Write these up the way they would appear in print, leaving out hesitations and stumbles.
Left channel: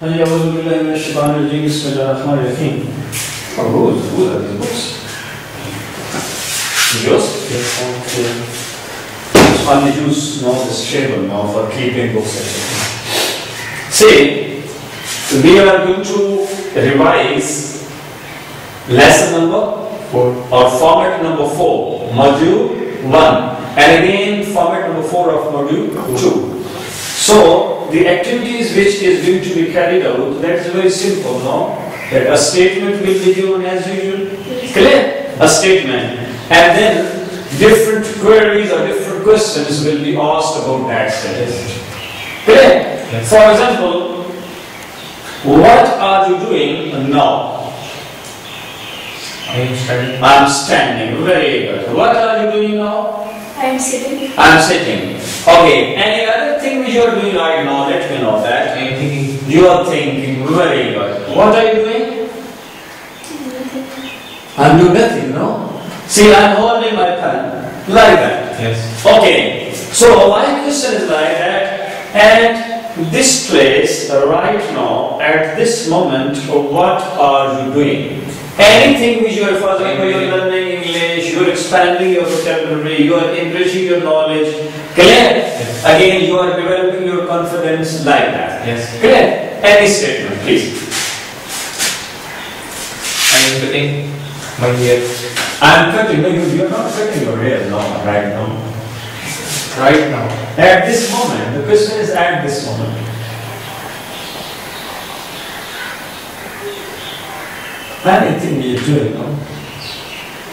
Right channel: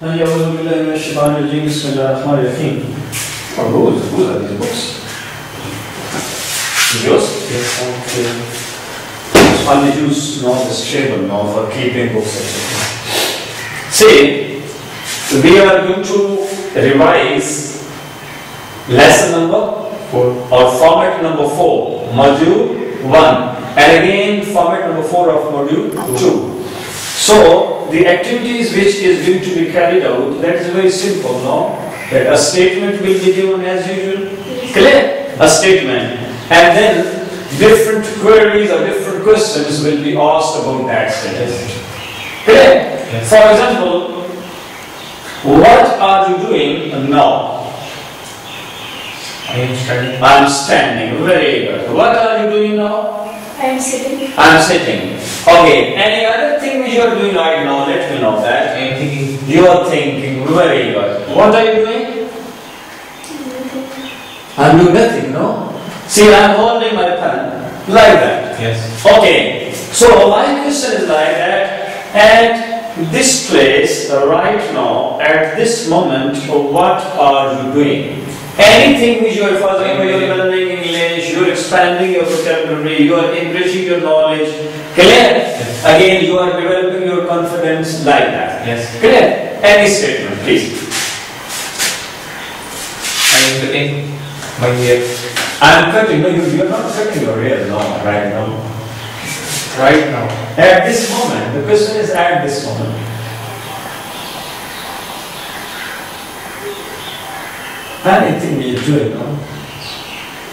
For whose are these books? Yours? Yes. Okay. Only use this table now for keeping books, etc. See, we are going to revise lesson number 4 or format number 4, module 1, and again format number 4 of module 2. So the activities which is going to be carried out, that is very simple, no? That a statement will be given as usual. Clear? A statement. And then different queries or different questions will be asked about that statement. Clear? Yes. For example, what are you doing now? I am studying. I am standing. Very good. What are you doing now? I am sitting. I am sitting. Okay. Any other thing which you are doing right now? Let me know that. I am thinking. You are thinking. Very good. What are you doing? Nothing. I am doing nothing, no? See, I am holding my pen. Like that. Yes. Okay. So my question is like that. At this place, right now, at this moment, what are you doing? Anything which you are, for example, you are learning English, you are expanding your vocabulary, you are enriching your knowledge. Clear? Yes. Again, you are developing your confidence like that. Yes. Clear? Any statement, please. I am cutting my hair. I am cutting. No, you are not cutting your hair now, right now. Right now. At this moment, the question is at this moment. Anything you are doing, no?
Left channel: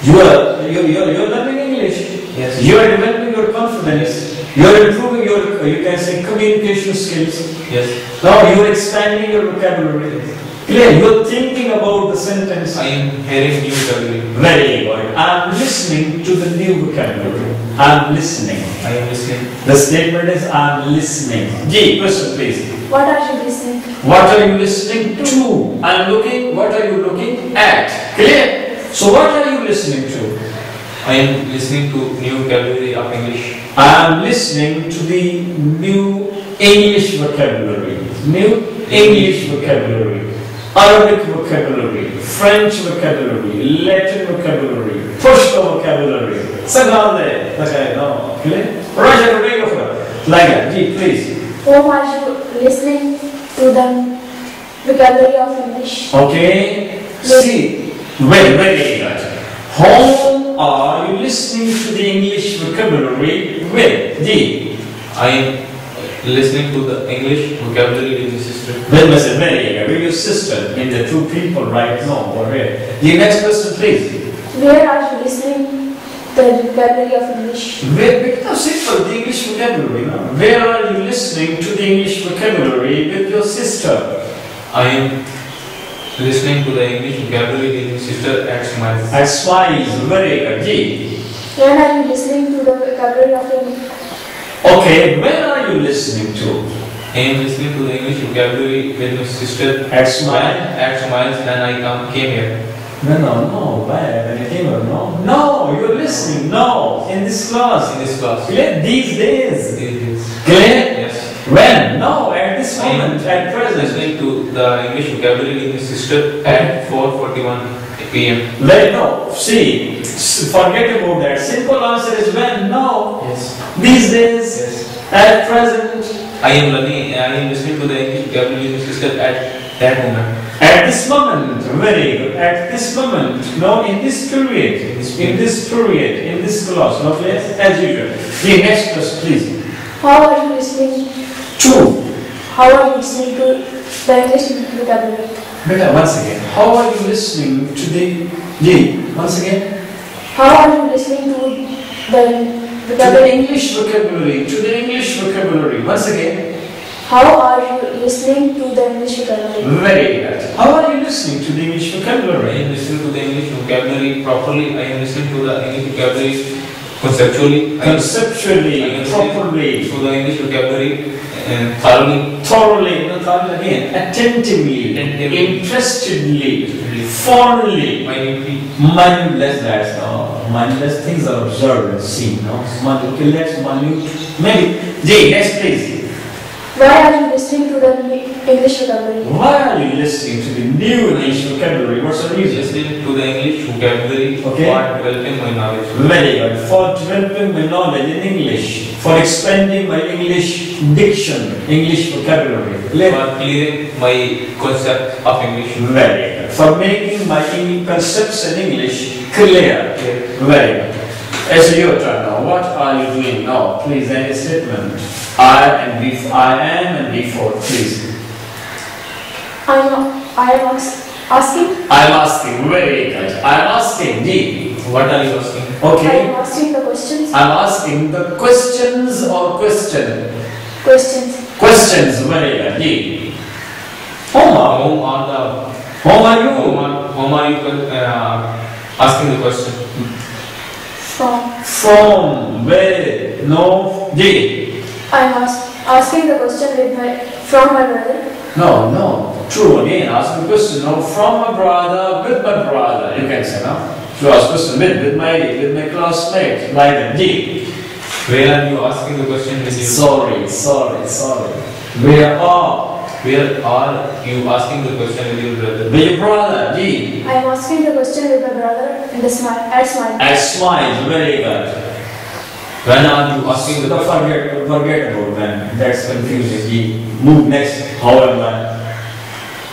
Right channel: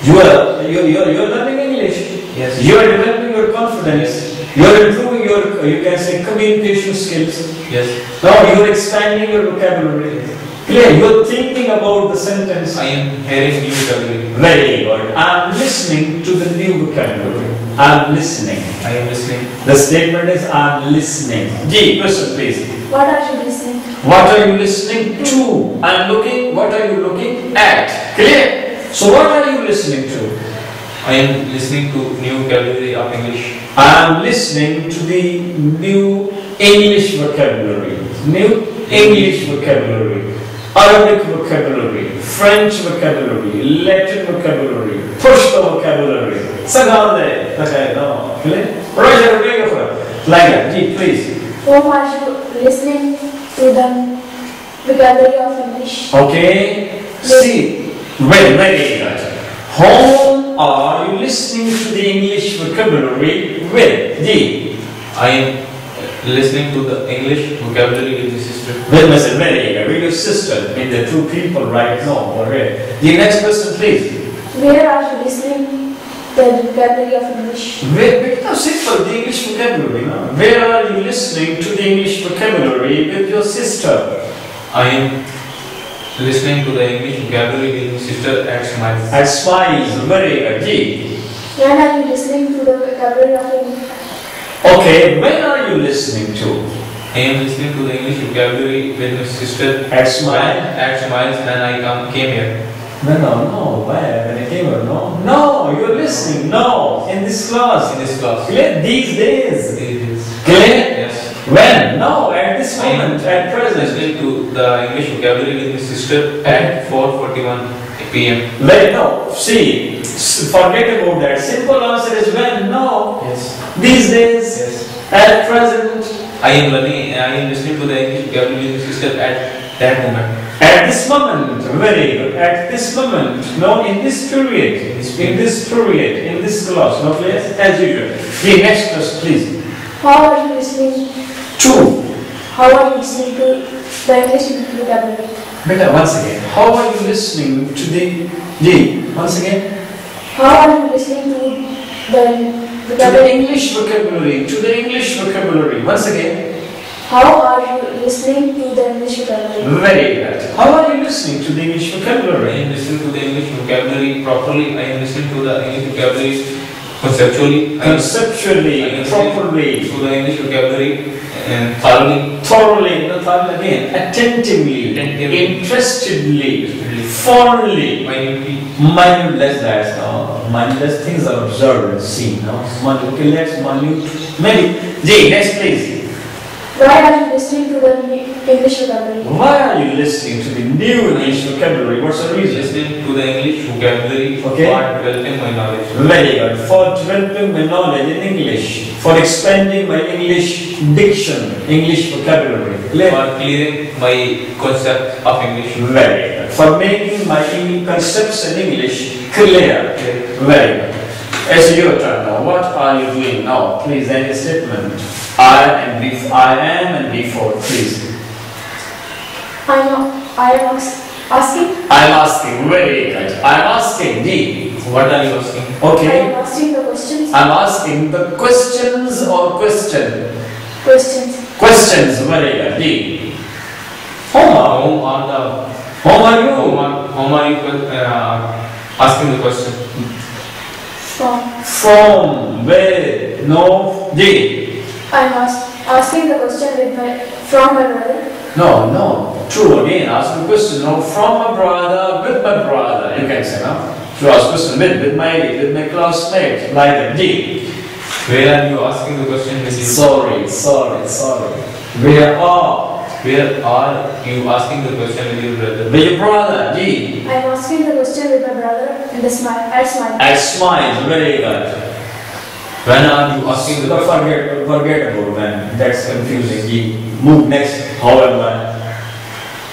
You are learning English. Yes. You are developing your confidence. You are improving your, you can say, communication skills. Yes. Now you are expanding your vocabulary. Clear? You are thinking about the sentence. I am hearing new vocabulary. Very good. I am listening to the new vocabulary. I am listening. I am listening. The statement is I am listening. G, question please. What are you listening? What are you listening to? I am looking. What are you looking at? Clear? So what are you listening to? I am listening to new vocabulary of English. I am listening to the new English vocabulary. New English vocabulary. Arabic vocabulary. French vocabulary. Latin vocabulary. Pashto vocabulary. Sagale. Okay, no. Clear? Roger, bring it up. Like that. G, please. Whom are you listening to the vocabulary of English? Okay. See. Very good. Whom are you listening to the English vocabulary with? G. I am listening to the English vocabulary with my sister. With my sister. Very good. With your sister. In the two people right now. Alright. The next question, please. Where are you listening the vocabulary of English? Because simple, the English vocabulary. No? Where are you listening to the English vocabulary with your sister? I am listening to the English vocabulary with my sister at Smiles. At Smiles. Very good. G. When are you listening to the vocabulary of English? Okay, when are you listening to? I am listening to the English vocabulary with my sister At Smiles. at Smiles when I came here. No. Where? When you came or no? No, you're listening. No, in this class. In this class. Clear? These days. It is. Clear? Yes. When? No, at this I am moment, at present. listening to the English vocabulary with my sister at 4:41 p.m. When? No. See, forget about that. Simple answer is when? No. Yes. These days. Yes. At present. I am listening to the English vocabulary with my sister at that moment. At this moment. Very good. At this moment. No, in this period. In this period. In this class. No, please. As usual. The next question, please. How are you listening? Two. How are you listening to the English vocabulary? Beta, once again. How are you listening to the G? Once again. How are you listening to the To the vocabulary? English vocabulary. To the English vocabulary. Once again. How are you listening to the English vocabulary? Very good. How are you listening to the English I vocabulary? am listening to the English vocabulary properly. I am listening to the English vocabulary conceptually. Conceptually, I am listening properly, to the English vocabulary and thoroughly. thoroughly, not thoroughly again, attentively, interestedly, fondly, mindless. That's mindless things are observed and seen. No, okay, let's minute. Maybe. J. Next, please. Why are you listening to the English vocabulary? Why are you listening to the new English vocabulary? What's the reason? Listening to the English vocabulary Okay. for developing my knowledge. Very good. For developing my knowledge in English, for expanding my English diction, English vocabulary. For clearing my concept of English. Very good. For making my concepts in English clear. Very good. It's your turn now. What are you doing now? Please, any statement. I am and before, please. I am asking. I'm asking. Very good. I'm asking. D. What are you asking? I Okay. am asking the questions. I'm asking the questions or question. Questions. Questions. Very good. D. Home. Whom are the Home are you? whom are you asking the question? From. Where? No. D. I am asking the question from my brother. No. True again. Ask the question. No. From my brother, with my brother. You can say no. So ask question with my classmate. Like that. D. Where are you asking the question? With you? Sorry. Where are you asking the question with your brother? with your brother? D. I am asking the question with my brother and I smile. I smile. Very good. When are you asking the question? Forget about when. That's confusing. D. Move next. How am I?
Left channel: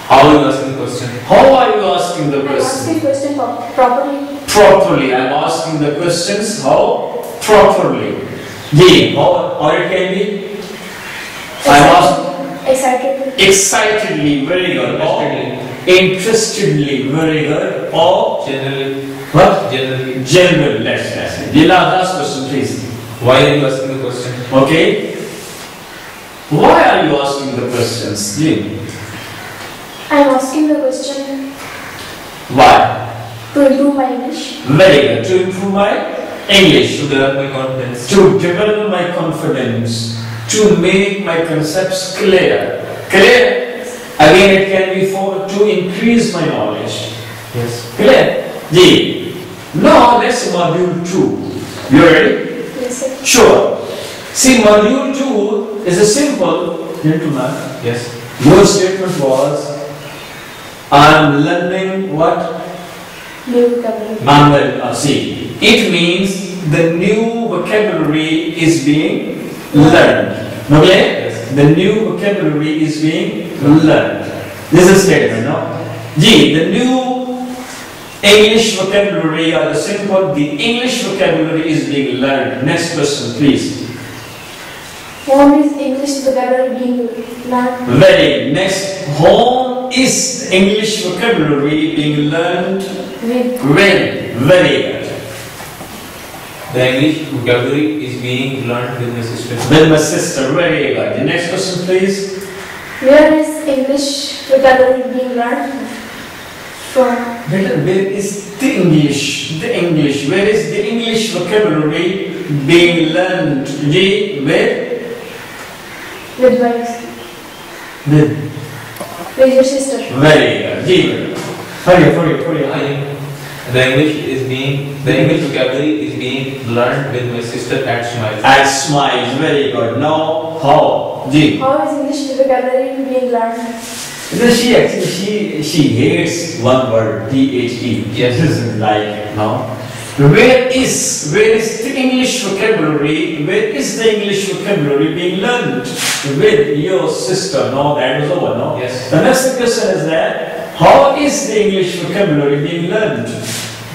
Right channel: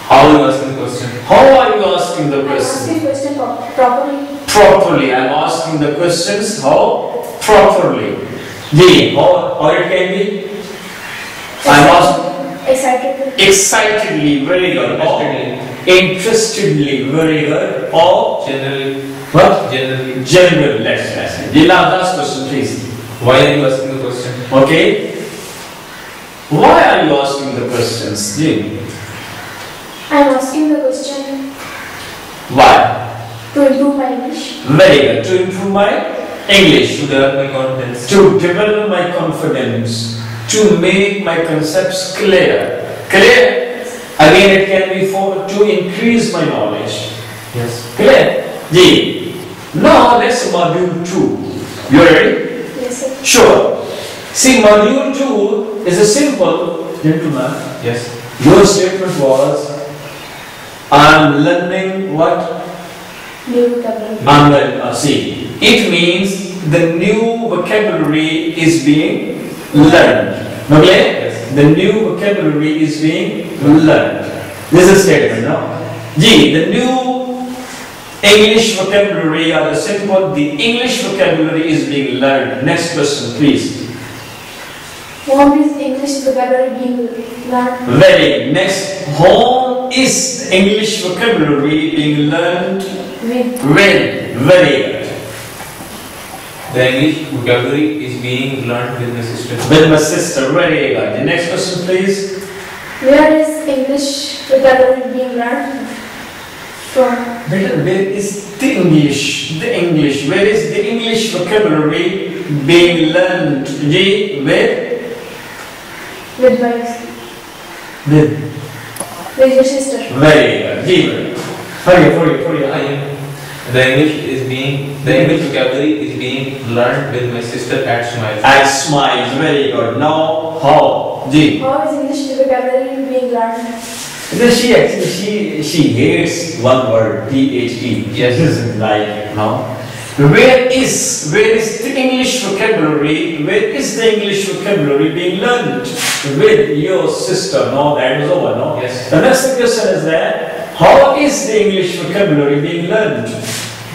How are you asking the question? How are you asking the I am question? asking question properly. Properly. I'm asking the questions how? Properly. D. How it can be? I'm asking. Excitedly. Very good. Interestedly. Very good. Or Generally. what? Generally. Let's say. The last question, please. Why are you asking the question? Okay. Why are you asking the questions? D. I am asking the question Why? to improve my English. Very good. To improve my English. To develop my confidence. To develop my confidence. To make my concepts clear. Clear? Again, it can be for to increase my knowledge. Yes. Clear? D. Now let's module 2. You ready? Yes, sir. Sure. See, module 2 is a simple, gentlemen. Yes. Your statement was, I am learning what? New vocabulary. I'm learning. See, it means the new vocabulary is being learned. Okay? Yes. The new vocabulary is being learned. This is a statement, no? G. The new English vocabulary or the simple, the English vocabulary is being learned. Next question, please. Home is English vocabulary being learned. Very next. Home is English vocabulary being learned With. when? Very good. The English vocabulary is being learned with my sister. With my sister. Very good. The next question, please. Where is English vocabulary being learned from? Where is the English? The English. Where is the English vocabulary being learned? G. With my. With your sister. Very good. G. Hurry. The English vocabulary is being learned with my sister at Smile. I smile. Very good. Now, how? G. How is English vocabulary being learned? Because she hates one word, T-H-E. Yes. She doesn't like it, no? Where is the English vocabulary? Where is the English vocabulary being learned? With your sister. No, that was over, no? Yes. The next question is that, how is the English vocabulary being learned?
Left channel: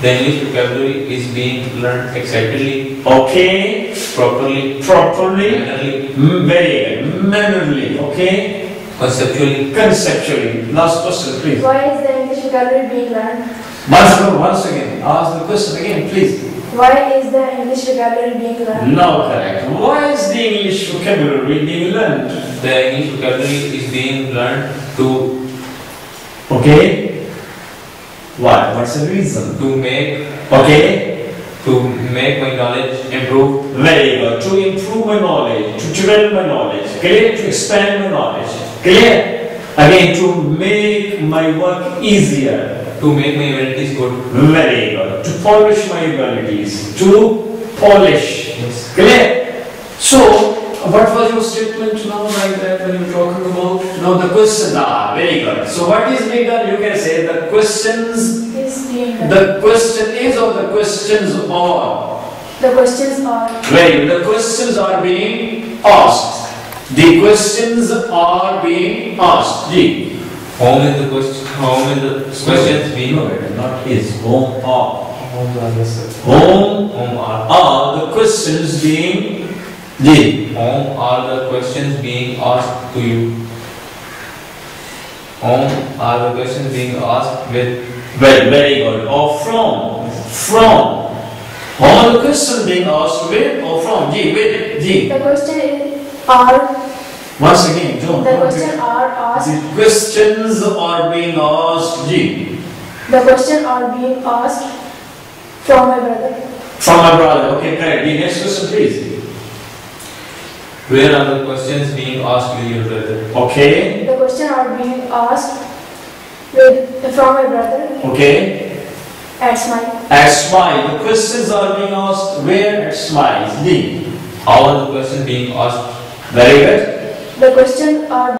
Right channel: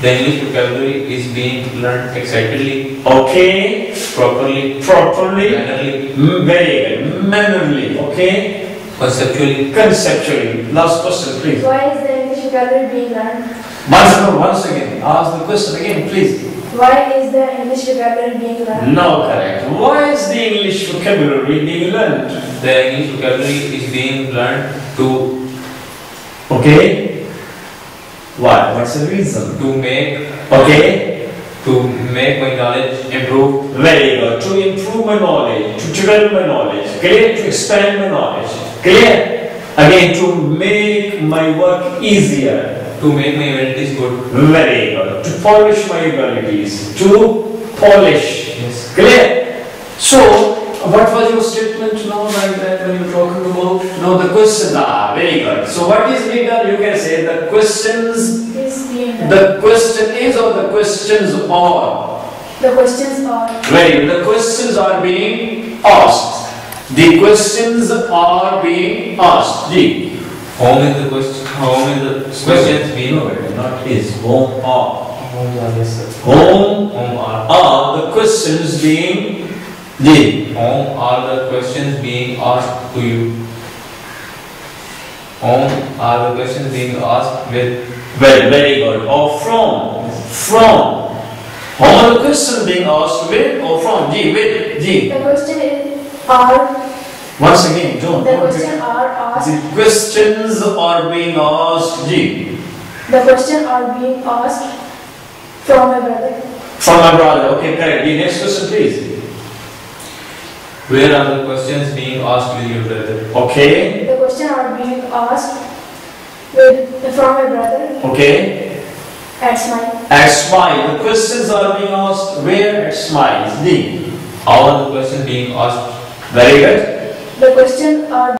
The English vocabulary is being learned excitedly, Okay. properly, Properly. mannerly, Very good. Mannerly. Okay. conceptually. Conceptually. Last question, please. Why is the English vocabulary being learned? Once again. Ask the question again, please. Why is the English vocabulary being learned? No, correct. Why is the English vocabulary being learned? The English vocabulary is being learned to Okay. Why? What's the reason? make Okay. my knowledge improve. Very good. To improve my knowledge, to develop my knowledge, clear? To expand my knowledge, clear? Again, to make my work easier. To make my abilities good. Very good. To polish my abilities. To polish. Yes. Clear? So, What was your statement now like that when you were talking about? No, the question. Ah, very good. So what is being done? You can say the questions. Is being done. The question is or the questions are. The questions are. Very good. The questions are being asked. The questions are being asked. Ji. Home is the question. Home is the questions being. No, not is. Home are. Homes are yes sir. Home Home are the questions being. Ji. Home are the questions being asked to you. Home are the questions being asked with. Well, very good. Or from. From. All the questions being asked with or from. Ji. With. Ji. The question is are. Once again, John. The question are asked. The questions are being asked. Ji. The question are being asked from my brother. From my brother. Okay, correct. The next question, please. Where are the questions being asked with your brother? Okay. The question are being asked from my brother Okay. at Smile. At Smile. The questions are being asked where? At Smile. D. How are the questions being asked? Very good. The question are